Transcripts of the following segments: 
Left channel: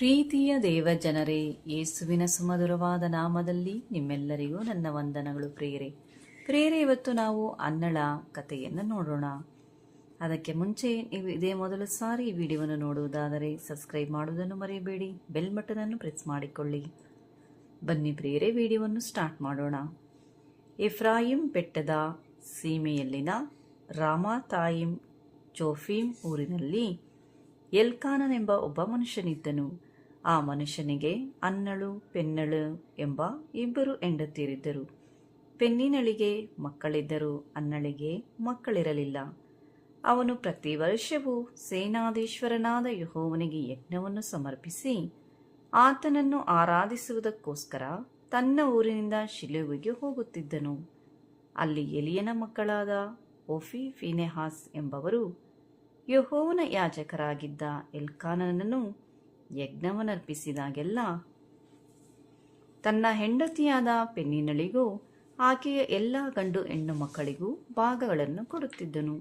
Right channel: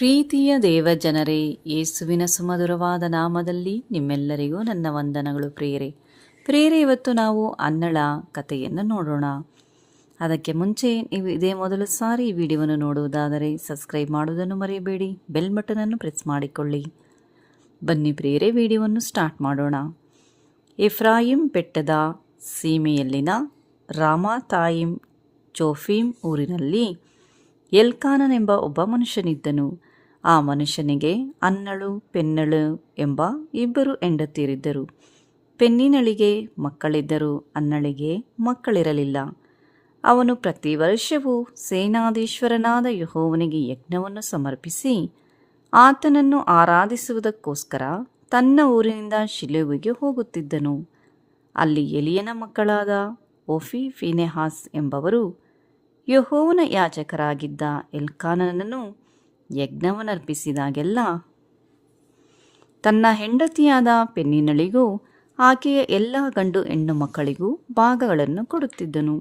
ಪ್ರೀತಿಯ ದೇವಜನರೇ, ಯೇಸುವಿನ ಸುಮಧುರವಾದ ನಾಮದಲ್ಲಿ ನಿಮ್ಮೆಲ್ಲರಿಗೂ ನನ್ನ ವಂದನಗಳು ಪ್ರಿಯರೇ. ಇವತ್ತು ನಾವು ಅನ್ನಳ ಕಥೆಯನ್ನು ನೋಡೋಣ. ಅದಕ್ಕೆ ಮುಂಚೆ ನೀವು ಇದೇ ಮೊದಲು ಸಾರಿ ಈ ವಿಡಿಯೋವನ್ನು ನೋಡುವುದಾದರೆ ಸಬ್ಸ್ಕ್ರೈಬ್ ಮಾಡುವುದನ್ನು ಮರೆಯಬೇಡಿ, ಬೆಲ್ ಬಟನನ್ನು ಪ್ರೆಸ್ ಮಾಡಿಕೊಳ್ಳಿ. ಬನ್ನಿ ಪ್ರಿಯರೇ, ವಿಡಿಯೋವನ್ನು ಸ್ಟಾರ್ಟ್ ಮಾಡೋಣ. ಎಫ್ರಾಯಿಂ ಬೆಟ್ಟದ ಸೀಮೆಯಲ್ಲಿನ ರಾಮಾತಾಯಿಮ್ ಚೋಫೀಮ್ ಊರಿನಲ್ಲಿ ಎಲ್ಕಾನನೆಂಬ ಒಬ್ಬ ಮನುಷ್ಯನಿದ್ದನು. ಆ ಮನುಷ್ಯನಿಗೆ ಅನ್ನಳು ಪೆನ್ನಳು ಎಂಬ ಇಬ್ಬರು ಹೆಂಡತಿಯರಿದ್ದರು. ಪೆನ್ನಿನಳಿಗೆ ಮಕ್ಕಳಿದ್ದರು, ಅನ್ನಳಿಗೆ ಮಕ್ಕಳಿರಲಿಲ್ಲ. ಅವನು ಪ್ರತಿ ವರ್ಷವೂ ಸೇನಾಧೀಶ್ವರನಾದ ಯೆಹೋವನಿಗೆ ಯಜ್ಞವನ್ನು ಸಮರ್ಪಿಸಿ ಆತನನ್ನು ಆರಾಧಿಸುವುದಕ್ಕೋಸ್ಕರ ತನ್ನ ಊರಿನಿಂದ ಶಿಲೋವಿಗೆ ಹೋಗುತ್ತಿದ್ದನು. ಅಲ್ಲಿ ಎಲಿಯನ ಮಕ್ಕಳಾದ ಓಫಿ ಫೀನೆಹಾಸ್ ಎಂಬವರು ಯೆಹೋವನ ಯಾಜಕರಾಗಿದ್ದ ಎಲ್ಕಾನನನ್ನು ಯಜ್ಞವನ್ನರ್ಪಿಸಿದಾಗೆಲ್ಲ ತನ್ನ ಹೆಂಡತಿಯಾದ ಪೆನ್ನಿನಳಿಗೂ ಆಕೆಯ ಎಲ್ಲ ಗಂಡು ಹೆಣ್ಣು ಮಕ್ಕಳಿಗೂ ಭಾಗಗಳನ್ನು ಕೊಡುತ್ತಿದ್ದನು.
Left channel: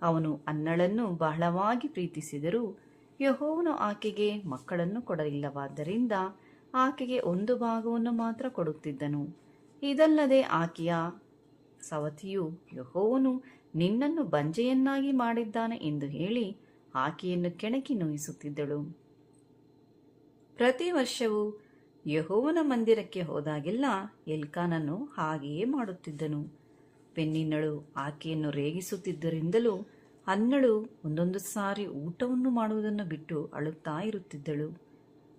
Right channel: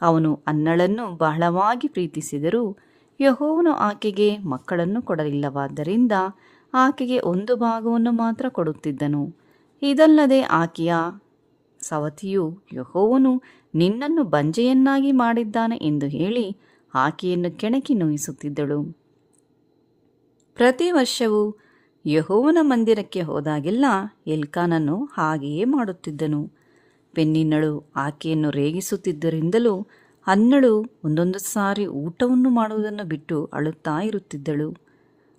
ಅವನು ಅನ್ನಳನ್ನು ಬಹಳವಾಗಿ ಪ್ರೀತಿಸಿದರೂ ಯೆಹೋವನು ಆಕೆಗೆ ಮಕ್ಕಳನ್ನು ಕೊಡಲಿಲ್ಲವಾದ್ದರಿಂದ ಆಕೆಗೆ ಒಂದು ಭಾಗವನ್ನು ಮಾತ್ರ ಕೊಡುತ್ತಿದ್ದನು. ಇದಲ್ಲದೆ ಆಕೆಯ ಸವತಿಯು ಯೆಹೋವನು ನಿನ್ನನ್ನು ಬಂಜೆಯನ್ನಾಗಿ ಮಾಡಿದ್ದಾನೆ ಎಂದು ಹೇಳಿ ಆಕೆಯನ್ನು ಕೆಣಕಿ ನೋಯಿಸುತ್ತಿದ್ದಳು. ಪ್ರತಿ ವರ್ಷವೂ ಯೆಹೋವನ ಮಂದಿರಕ್ಕೆ ಹೋದಾಗೆಲ್ಲ ಎಲ್ಕಾನನು ಹಾಗೆಯೇ ಮಾಡುತ್ತಿದ್ದನು. ಪೆನ್ನಿನಳು ಆಕೆಯನ್ನು ರೇಗಿಸುತ್ತಿದ್ದರಿಂದಲೂ ಅನ್ನಳು ಒಂದೊಂದು ಸಾರಿ ಊಟವನ್ನು ಮಾಡುವುದನ್ನು ಬಿಟ್ಟು ಅಳುತ್ತಾ ಇರುತ್ತಿದ್ದಳು.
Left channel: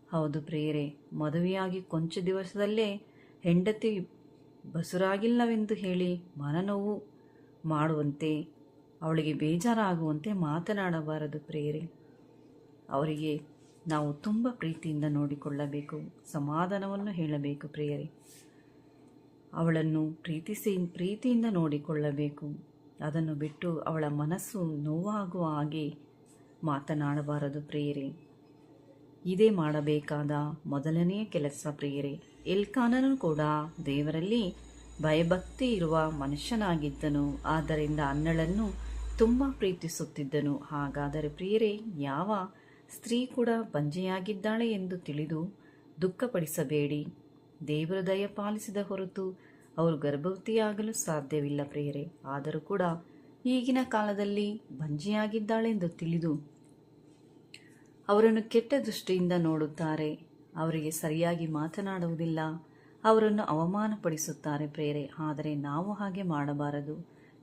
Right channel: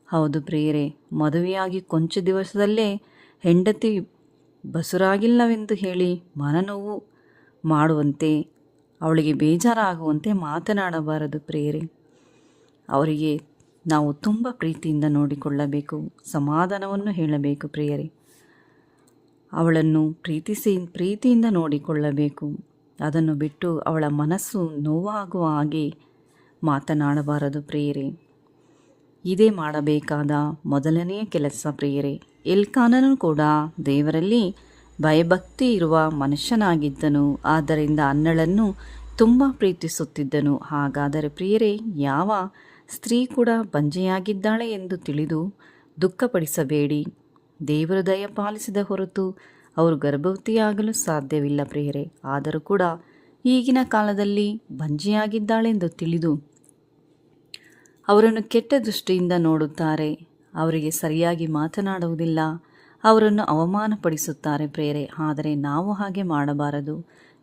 ಹೌದು ಪ್ರಿಯರೇ, ಮದುವೆಯಾಗಿ ಕೊಂಚ ದಿವಸದಲ್ಲೇ ಹೆಂಡತಿ ಬಸುರಾಗಿಲ್ಲವೆಂದು ಹೇಳಿ ಮನನೋವು ಮಾಡುವಂತೆ, ಅವಳಿಗೆ ಬೇಜಾರಾಗುವಂತೆ ಮಾತನಾಡಬಾರದು ಪ್ರಿಯರೇ. ಅವರಿಗೆ ನಾವು ತುಂಬ ಪ್ರೀತಿಯಿಂದ ನೋಡಿಕೊಳ್ಳಬೇಕು, ಸಮಾಧಾನವನ್ನು ಹೇಳಬೇಕು ಪ್ರಿಯರೇ. ಅವಳನ್ನು ಪ್ರೀತಿಯಿಂದ ನೋಡಿಕೊಳ್ಳಬೇಕು. ಅದನ್ನು ಬಿಟ್ಟು ಅವಳ ಮನಸ್ಸು ನೋವಾಗುವ ಹಾಗೆ ಮಾತನಾಡಬಾರದು ಪ್ರಿಯರೇ. ಇದೇ ಮಾಡಬೇಕಾದ ಮೊದಲನೆಯ ಕೆಲಸ ಪ್ರಿಯರೇ. ಎಲ್ಕಾನನು ಕೂಡ ದೇವರಲ್ಲಿ ಭಯಭಕ್ತಿ ಇರುವ ಮನುಷ್ಯನಾಗಿದ್ದನು. ಆದ್ದರಿಂದ ಅನ್ನಳನ್ನು ತುಂಬ ಪ್ರೀತಿಸುತ್ತಿದ್ದನು. ಹಾಗಾದರೆ ಪ್ರಿಯರೇ, ಯಾವ ಸ್ತ್ರೀ ಕೂಡ ಬಂಜೆಯಾಗಿದ್ದಾಳೆ ಎಂದು ತಿಳಿದು ದುಃಖಪಡಿಸಬೇಡಿ. ದೇವರು ದಯಪಾಲಿಸಿದ ಹೊರತು ಅವರು ಗರ್ಭವತಿಯಾಗಲು ಸಾಧ್ಯವಿಲ್ಲ ಪ್ರಿಯರೇ. ಆದರೂ ಕೂಡ ಈಗಿನ ಕಾಲದಲ್ಲಿ ಬಂಜೆಯಾಗಿದ್ದಾಳೆಂದು ತಿಳಿದು ಅವರನ್ನು ಕೆಟ್ಟ ದೃಷ್ಟಿಯಿಂದ ನೋಡುತ್ತಾರೆ. ಅವರಿಗೆ ಸರಿಯಾಗಿ ಮಾತನಾಡುವುದಿಲ್ಲ, ಅವರನ್ನು ಅವಮಾನಪಡಿಸುತ್ತಾರೆ ಪ್ರಿಯರೇ. ಆದರೆ ನಾವು ಹಾಗೆ ಮಾಡಬಾರದು,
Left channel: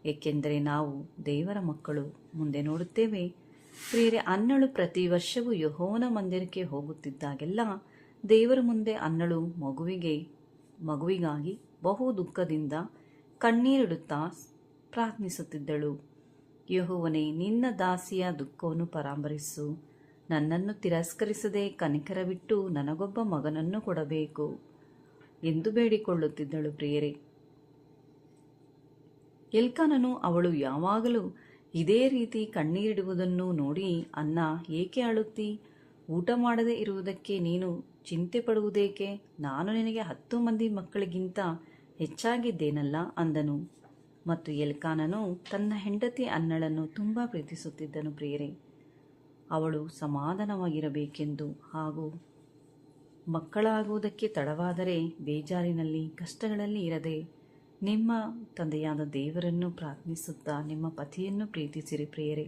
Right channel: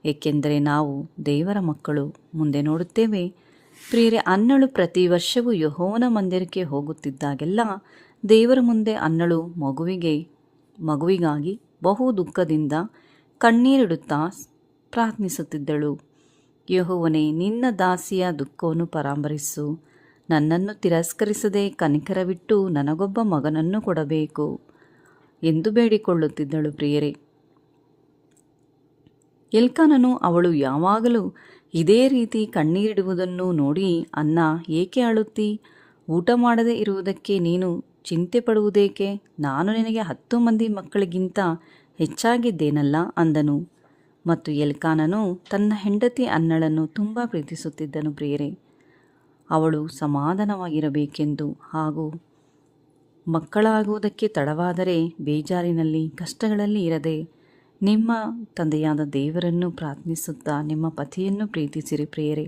ಏಕೆಂದರೆ ನಾವು ದೇವರ ಮಕ್ಕಳು. ಮುಂದೆ ನೋಡುತ್ತೇವೆ ಪ್ರಿಯರೇ, ಅನ್ನಳು ಪ್ರತಿ ವರ್ಷವೂ ಯೆಹೋವನ ಮಂದಿರಕ್ಕೆ ಹೋಗುತ್ತಿದ್ದಾಗೆಲ್ಲ ದೇವರ ಮುಂದೆ ಅನ್ನಳು ಮಗುವಿಗಾಗಿ ಬಹು ದುಃಖದಿಂದ ಕಣ್ಣೀರಿಡುತ್ತಾ ಪ್ರಾರ್ಥಿಸುತ್ತಿದ್ದಳು. ಯೆಹೋವನೇ, ನಿನ್ನ ದಾಸಿಯ ದುಃಖವನ್ನು ಪರಾಮರಿಸು. ನನ್ನನ್ನು ತಿರಸ್ಕರಿಸದೆ ಕನಿಕರವಿಟ್ಟು ನನಗೊಬ್ಬ ಮಗನನ್ನು ಕೊಡಬೇಕು ಎಂದು ಬೇಡಿಕೊಳ್ಳುತ್ತಿದ್ದಳು ಪ್ರಿಯರೇ. ಎಲ್ಕಾನನು ಅವಳು ಯಾವಾಗಲೂ ಇದೇ ರೀತಿ ಕಣ್ಣೀರಿಡುವುದನ್ನು ನೋಡಿ, ಅನ್ನ, ಏಕೆ ಅಳುತ್ತಿ? ಊಟ ಮಾಡದೇ ಇರುವುದಕ್ಕೆ ನೀನು ಚಿಂತೆ ಪಡುವುದೇಕೆ? ನಾನು ನಿನಗೆ 10 ಮಂದಿ ಮಕ್ಕಳಿಗಿಂತ ಹೆಚ್ಚಾಗಿದ್ದೇನಲ್ಲ ಅಂದನು. ಮತ್ತು ಎಲ್ಕಾನನು ತನ್ನ ಹೆಂಡತಿ ಅನ್ನಳನ್ನು ತುಂಬ ಪ್ರೀತಿಸುತ್ತಿದ್ದನು ಪ್ರಿಯರೇ. ಅವಳು ಸಮಾಧಾನವಾಗಿರಬೇಕೆಂದು ಹಾಗೂ ಮಕ್ಕಳಾಗುವುದಕ್ಕೆ ತಡವಾದರೆ ಬೇಜಾರಿನಲ್ಲಿ ಕಷ್ಟಗಳಲ್ಲಿ ಇರದೆ ನಿಮ್ಮ ತಂದೆಯಾದ ದೇವರನ್ನು ಪ್ರಾರ್ಥಿಸುತ್ತಾ ನಿಮ್ಮ ಪತಿಯನ್ನು ಪ್ರೀತಿಸಿರಿ ಪ್ರಿಯರೇ.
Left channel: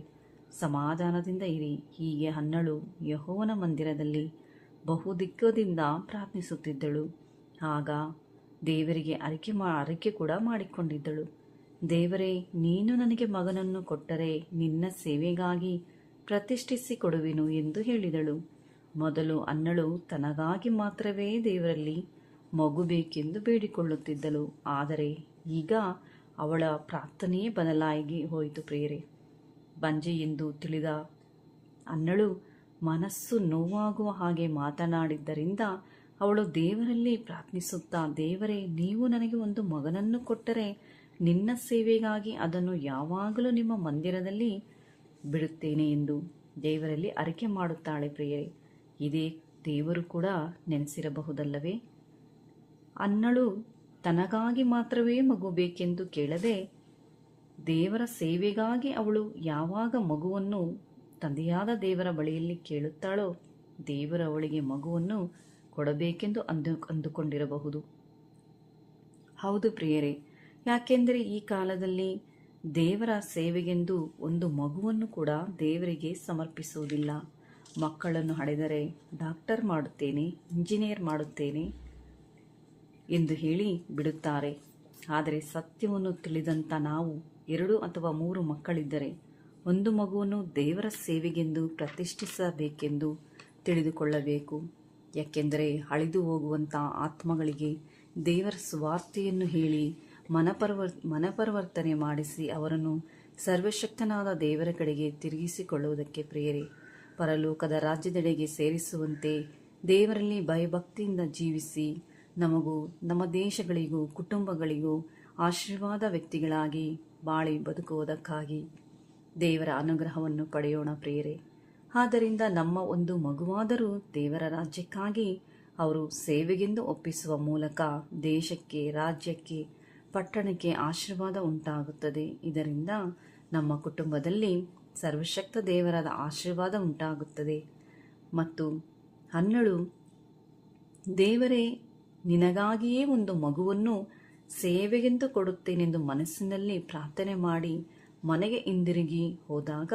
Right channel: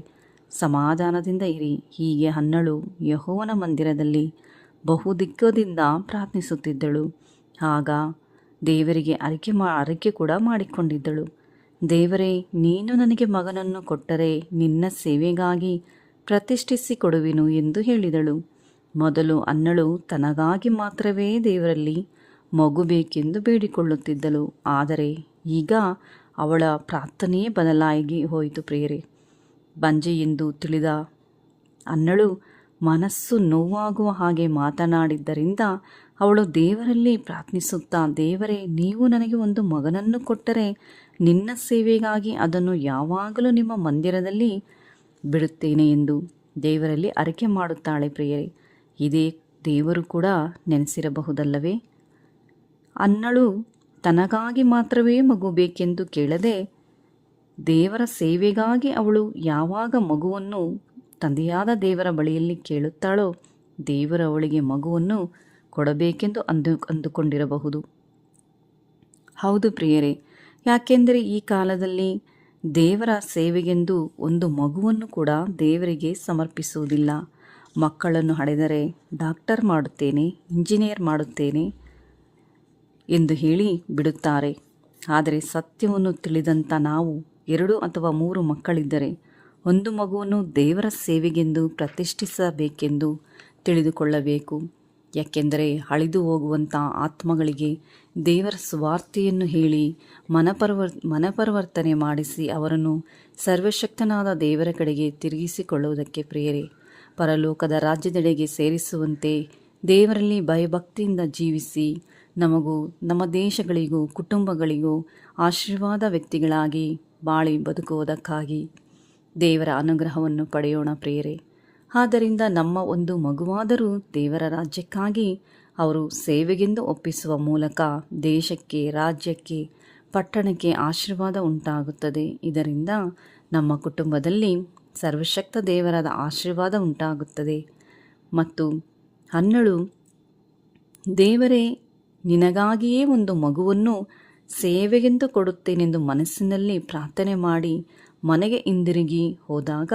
ಸಮಾಧಾನದಿಂದ ಇರಿ. ಹೀಗೆ ಅನ್ನಳು ಯೆಹೋವನ ಮಂದಿರದಲ್ಲಿ ಬಹುದಿಕ್ಕದಿಂದ ಪ್ರಾರ್ಥಿಸುತ್ತಿದ್ದಳು. ಆಗ ದೇವರಿಗೆ ಅರಿಕೆ ಕೂಡ ಮಾಡಿಕೊಂಡಿದ್ದಳು. ದೇವರೇ, ನೀನು ನನಗೆ ಮಗನನ್ನು ಕೊಟ್ಟರೆ ನಿನ್ನ ಸೇವೆಗಾಗಿ ಪ್ರತಿಷ್ಠಿಸಿ ಕೊಡುವೆನು ಎಂದು ಹೇಳಿದಳು. ಮೊದಲು ಅನ್ನಳು ತನಗಾಗಿ ಮಾತ್ರವೇ ದೇವರಲ್ಲಿ ಮಗು ಬೇಕೆಂದು ಬೇಡಿಕೊಳ್ಳುತ್ತಿದ್ದಳು. ಆದರೆ ಈಗ ಅವಳ ಪ್ರಾರ್ಥನೆಯೇ ಬದಲಾಗಿ ಹೋಯಿತು ಪ್ರಿಯರೇ. ಬಂಜೆ ಎಂದು ತಿಳಿದ ಅನ್ನಳು ಮನಸ್ಸು ನೋವಾಗುವ ಹಾಗೆ ಮಾತನಾಡಿದ್ದರಿಂದ ಅವಳು ದೇವರಲ್ಲಿ ಪ್ರಾರ್ಥಿಸುತ್ತಾ, ದೇವರೇ, ನೀವು ನನಗೆ ಒಂದು ಮಗನನ್ನು ಕೊಟ್ಟರೆ ನಿನ್ನ ಸೇವೆಗಾಗಿ ಅದನ್ನು ಯಾವಾಗಲೂ ನಿಮ್ಮ ಮಂದಿರದಲ್ಲಿ ಬಿಡುತ್ತೇನೆ ಎಂದು ದೇವರಲ್ಲಿ ಅರಿಕೆ ಮಾಡುತ್ತಾಳೆ ಪ್ರಿಯರೇ. ಇದೇ ದೇವರು ಕೂಡ ನೆನೆಸಿರಬಹುದಲ್ಲವೇ? ಅನ್ನಳು ತನಗಾಗಿ ಮಾತ್ರವೇ ಮಗು ಬೇಕೆಂದು ಕೇಳದೆ ದೇವರ ಸೇವೆಗಾಗಿ ಅವಳು ಯಾವಾಗ ಮಗುವನ್ನು ತಂದೆಯಾದ ದೇವರ ಬಳಿಯಲ್ಲಿ ಕೇಳುತ್ತಾಳೋ ದೇವರು ಅವಳಿಗೆ ಮಗುವನ್ನು ಕೊಡಬೇಕೆಂದು ಅಂದುಕೊಂಡಿರಬಹುದು. ಹೌದು ಪ್ರಿಯರೇ, ಯಾಕೆಂದರೆ ಈ ಕಾಲದಲ್ಲಿ ದೇವರ ಸೇವೆಗೆಂದು ಒಂದು ಮಗುವನ್ನು ಕೂಡ ದೇವರಿಗೆ ಸಮರ್ಪಿಸುವುದಿಲ್ಲ. ಮಕ್ಕಳನ್ನು ಹಡೆದರೆ ಡಾಕ್ಟರ್ ಮಾಡುತ್ತೇನೆ, ಇಂಜಿನಿಯರ್ ಮಾಡುತ್ತೇನೆ ಎಂದು ಹೇಳಿ ಬಿಡುತ್ತಾರೆ. ಆದರೆ ಸತ್ಯವನ್ನು ತಿಳಿದಂಥ ನಾವು 2 ಅಥವಾ 3 ಮಕ್ಕಳಿದ್ದರೆ ಒಂದು ಮಗುವನ್ನು ದೇವರ ಸೇವೆಗೆಂದು ಪ್ರತಿಷ್ಠಿಸಬೇಕೆಂದು ತಿಳಿದುಕೊಳ್ಳಬೇಕು. ಯಾಕೆಂದರೆ ಅಳಿದು ಹೋಗುವಂಥ ಆತ್ಮಗಳಿಗೆ ದೇವರ ಸುವಾರ್ತೆಯನ್ನು ಹೇಳಿ ಮನಪರಿವರ್ತನೆ ಮಾಡಿಸಿ ಅವರನ್ನು ಸರ್ವಶಕ್ತನಾದ ದೇವರ ಕಡೆಗೆ ತಿರುಗಿಸಿಕೊಳ್ಳುವುದಕ್ಕೆ ಪ್ರಿಯರೇ, ಪರಲೋಕದ ರಾಜ್ಯದೆಡೆಗೆ ಸೇರಿಸುವಂತೆ ದೇವರಲ್ಲಿ ಭಯಭಕ್ತಿಯಿಂದ ಜೀವಿಸಿ ನಮಗೂ ನಮ್ಮ ದೇಶಗಳಿಗೂ ಕುಟುಂಬಗಳಿಗೂ ಆಶೀರ್ವಾದ ವ್ಯಕ್ತಿಗಳಾಗಿ ಬಾಳಿ ಬದುಕುವುದಕ್ಕಾಗಿ ದೇವರ ಅನುಗ್ರಹವನ್ನು ಪಡೆಯೋಣ ಪ್ರಿಯರೇ. ಆದ್ದರಿಂದ ನಮ್ಮ ಒಂದು ಮಗುವಾದರೂ ದೇವರ ರಾಜ್ಯಕ್ಕಾಗಿ ಅವರು ಸೇವೆಗೆಂದು ಒಪ್ಪಿಸುವ ಮೂಲಕ ದೇಶಕ್ಕೆ, ರಾಜ್ಯಕ್ಕೆ, ಪಟ್ಟಣಕ್ಕೆ ಆಶೀರ್ವಾದ ಉಂಟಾಗುತ್ತದೆ. ಇದರಿಂದ ನಮ್ಮ ಕುಟುಂಬದಲ್ಲಿ ಸರ್ವಶಕ್ತ ದೇವರಾದ ಆಶೀರ್ವಾದ ಉಂಟಾಗುತ್ತದೆ. ಮತ್ತು ಹನ್ನಳು, ದೇವರೇ, ನಿನಗಾಗಿಯೇ ಒಂದು ಮಗುವನ್ನು ಸೇವೆಗೆಂದು ಕೊಡುತ್ತೇನೆಂದು ಮನಸ್ಸಿನಲ್ಲಿ ಪ್ರಾರ್ಥನೆ ಮಾಡಿ ಮನೆಗೆ ಹಿಂದಿರುಗಿ ಹೋದಾಗ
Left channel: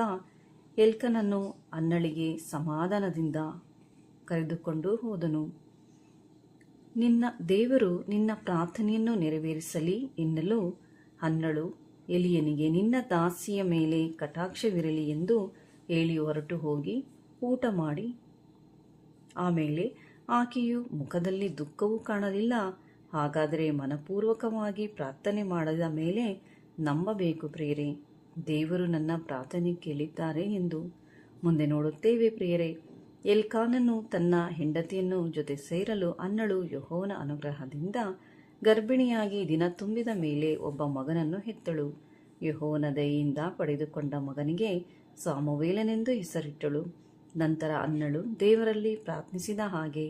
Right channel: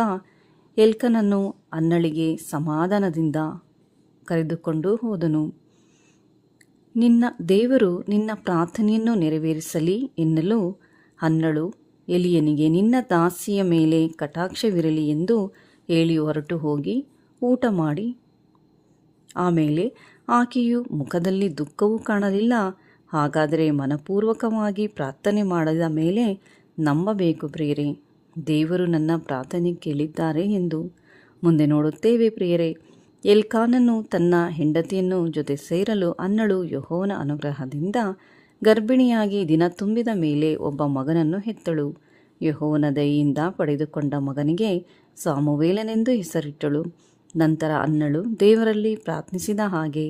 ಎಲ್ಕನನ್ನು ಹನ್ನಳಿಗೆ ಸಮಾಧಾನದಿಂದ ಕರೆದುಕೊಂಡು ಹೋದನು. ದೇವರು ನಿನ್ನ ಪ್ರಾರ್ಥನೆಯನ್ನು ನೆರವೇರಿಸಲಿ ಎನ್ನಲು ಹನ್ನಳು ಎಲಿಯನಿಗೆ, ನಿನ್ನ ದಾಸಿಯ ಮೇಲೆ ಕಟಾಕ್ಷವಿರಲಿ ಎಂದು ಹೇಳಿ ಹೊರಟು ಹೋಗಿ ಊಟ ಮಾಡಿ, ಆಮೇಲೆ ಆಕೆಯು ಮುಖದಲ್ಲಿ ದುಃಖವೂ ಕಾಣಲಿಲ್ಲ. ಹಾಗಾದರೆ ಮನಪೂರ್ವಕವಾಗಿ ಪ್ರಾರ್ಥನೆ ಮಾಡಿದ ಮೇಲೆ ನಂಬಬೇಕು ಪ್ರಿಯರೇ, ದೇವರು ನನ್ನ ಪ್ರಾರ್ಥನೆ ಕೇಳಿದ್ದಾರೆ ಎಂದು. ಮುಂದೆ ನೋಡುತ್ತೇವೆ ಪ್ರಿಯರೇ, ಎಲ್ಕಾನನು ತನ್ನ ಹೆಂಡತಿಯನ್ನು ಜೊತೆ ಸೇರಲು ಹನ್ನಳು ಯೆಹೋವನ ಅನುಗ್ರಹದಿಂದ ಗರ್ಭಿಣಿಯಾಗಿ ದಿನ ತುಂಬಿದ ಮೇಲೆ ಒಬ್ಬ ಮಗನನ್ನು ಹೆತ್ತಳು. ಯೆಹೋವನ ದಯೆಯಿಂದ ಪಡೆದುಕೊಂಡ ಮಗನಿಗೆ ಸಾಮುವೇಲನೆಂದು ಹೆಸರಿಟ್ಟಳು. ನಂತರ ಹನ್ನಳು ದೇವರಲ್ಲಿ ಪ್ರಾರ್ಥಿಸಿದ ಹಾಗೆ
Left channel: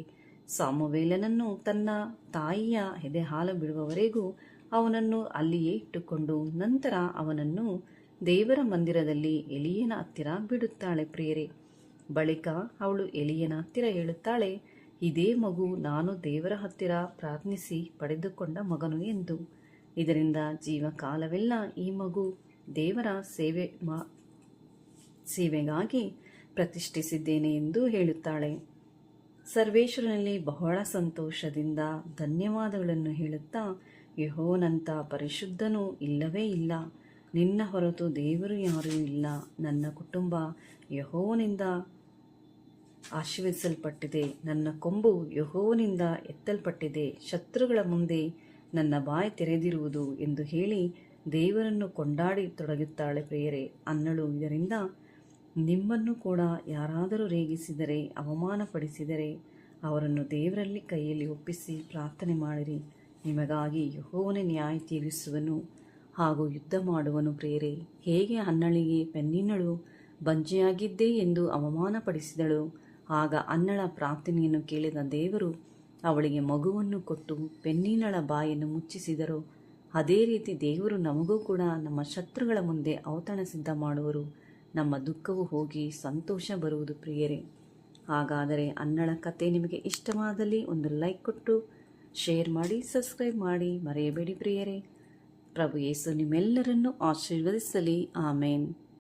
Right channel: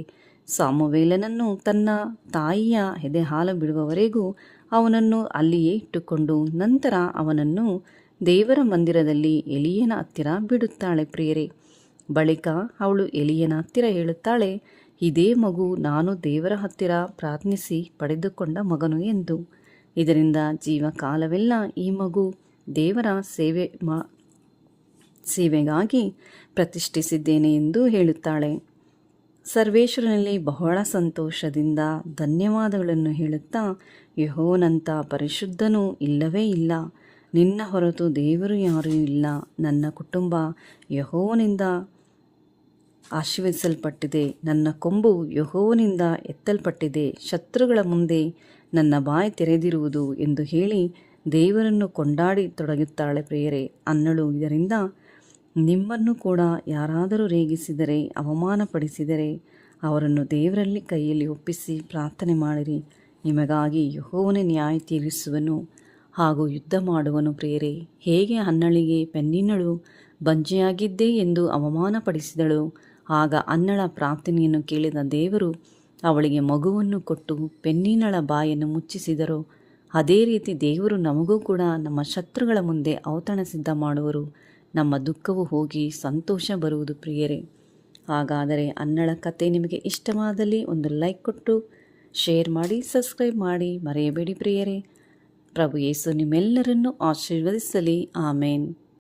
ಸಾಮುವೇಲನನ್ನು ತನ್ನ ತಾಯಿಯ ಎದೆಹಾಲು ಬಿಡುವವರೆಗೂ ಅವನನ್ನು ಅಲ್ಲಿಯೇ ಇಟ್ಟುಕೊಂಡು ನಂತರ ಅವನನ್ನು ದೇವರ ಮಂದಿರದಲ್ಲಿ ಎಲಿಯನ ಹತ್ತಿರ ಬಿಡುತ್ತಾಳೆ ಪ್ರಿಯರೇ. ಬಳಿಕ ಅವಳು ಎಲಿಯನ ಹತ್ತಿರ ಹೇಳುತ್ತಾಳೆ, ಇದೇ ಮಗು ನಾನು ದೇವರ ಹತ್ತಿರ ಪ್ರಾರ್ಥಿಸಿ ಪಡೆದುಕೊಂಡ ಮಗನು ಎಂದು. ಇದರಿಂದ ಜೀವಕಾಲವೆಲ್ಲ ಈ ಮಗು ದೇವರ ಸೇವೆಗಾಗಿ ಪ್ರತಿಷ್ಠಿಸಿದ್ದೇನೆ ಎಂದು ಹೇಳುತ್ತಾಳೆ. ಸರ್ವೇಶ್ವರನಲ್ಲಿ ಬಹಳ ಸಂತೋಷದಿಂದ ಧನ್ಯವಾದಗಳನ್ನು ಹೇಳುತ್ತಾ, ಯೆಹೋವನಂಥ ಪರಿಶುದ್ಧನೂ ಇಲ್ಲವೇ ಇಲ್ಲ, ನಿನ್ನ ಹೊರತು ದೇವರು ಯಾರೂ ಇಲ್ಲ. ನನ್ನ ಕುಟುಂಬ ಯೆಹೋವನಿಂದ ಆಶೀರ್ವದಿಸಲ್ಪಟ್ಟಿದೆ, ನನ್ನ ಕೊಂಬು ಯೆಹೋವನಿಂದ ಎತ್ತಲ್ಪಟ್ಟಿದೆ, ಶತ್ರುಗಳ ಮುಂದೆ ನನ್ನ ಬಾಯಿ ತೆರೆದಿರುವುದು ಎಂದು ಹೇಳಿ ದೇವರನ್ನು ಕೊಂಡಾಡಿ ತೊಡಗುತ್ತಾಳೆ ಪ್ರಿಯರೇ. ಹನ್ನಳು, ಇದರಿಂದ ನಿಮ್ಮನ್ನು ಕೂಡ ಯಾರಾದರೂ ರೇಗಿಸಿದರೆ, ಅವಮಾನಪಡಿಸಿದರೆ ಅವರನ್ನು ದೇವರಲ್ಲಿ ಕೈಯಲ್ಲಿ ಒಪ್ಪಿಸಿ ಪ್ರಾರ್ಥನೆ ಮಾಡಿರಿ, ನಿಮಗಾಗಿ ಯೆಹೋವನೇ ನ್ಯಾಯ ತೀರಿಸುವನು ಹಾಗೂ ಯುದ್ಧ ಮಾಡುವನು ಪ್ರಿಯರೇ. ಹೇಗೆ ಹನ್ನಳಿಗೆ ಪೆನ್ನಿನಳು ಬಂಜೆಯಾಗಿದ್ದೆ ಎಂದು ಅವಮಾನಪಡಿಸಿದಳು, ಆಗ ಹನ್ನಳ ಪ್ರಾರ್ಥನೆಯನ್ನು ಕೇಳಿದ ದೇವರು ಅವಳಿಗೆ ಮಗುವನ್ನು ಕೊಟ್ಟು ಪೆನ್ನಿನಳ ಬಾಯನ್ನು ಮುಚ್ಚಿಸಿದರು. ಅದೇ ರೀತಿ ದೇವರು ನಮಗೂ ಕೂಡ ನಮ್ಮ ಶತ್ರುಗಳ ಮುಂದೆ ಔತಣ ಸಿದ್ಧ ಮಾಡುವರು. ನಮ್ಮ ದುಃಖವು ಹೋಗಿ ಸಂತೋಷ ಬರುವುದು ಪ್ರಿಯರೇ. ಹಾಗಾದರೆ ಹನ್ನಳ ಕತೆ ನಿಮಗೆ ಇಷ್ಟವಾದಲ್ಲಿ ಒಂದು ಲೈಕ್ ಕೊಟ್ಟು ಶೇರ್ ಮಾಡಿ, ಸಬ್ಸ್ಕ್ರೈಬ್ ಮಾಡಿ ಮರೆಯಬೇಡಿ ಪ್ರಿಯರೇ. ಪ್ರಭು ಯೇಸು ನಿಮ್ಮೆಲ್ಲರನ್ನು ಆಶೀರ್ವದಿಸಲಿ. ಆಮೇನ್.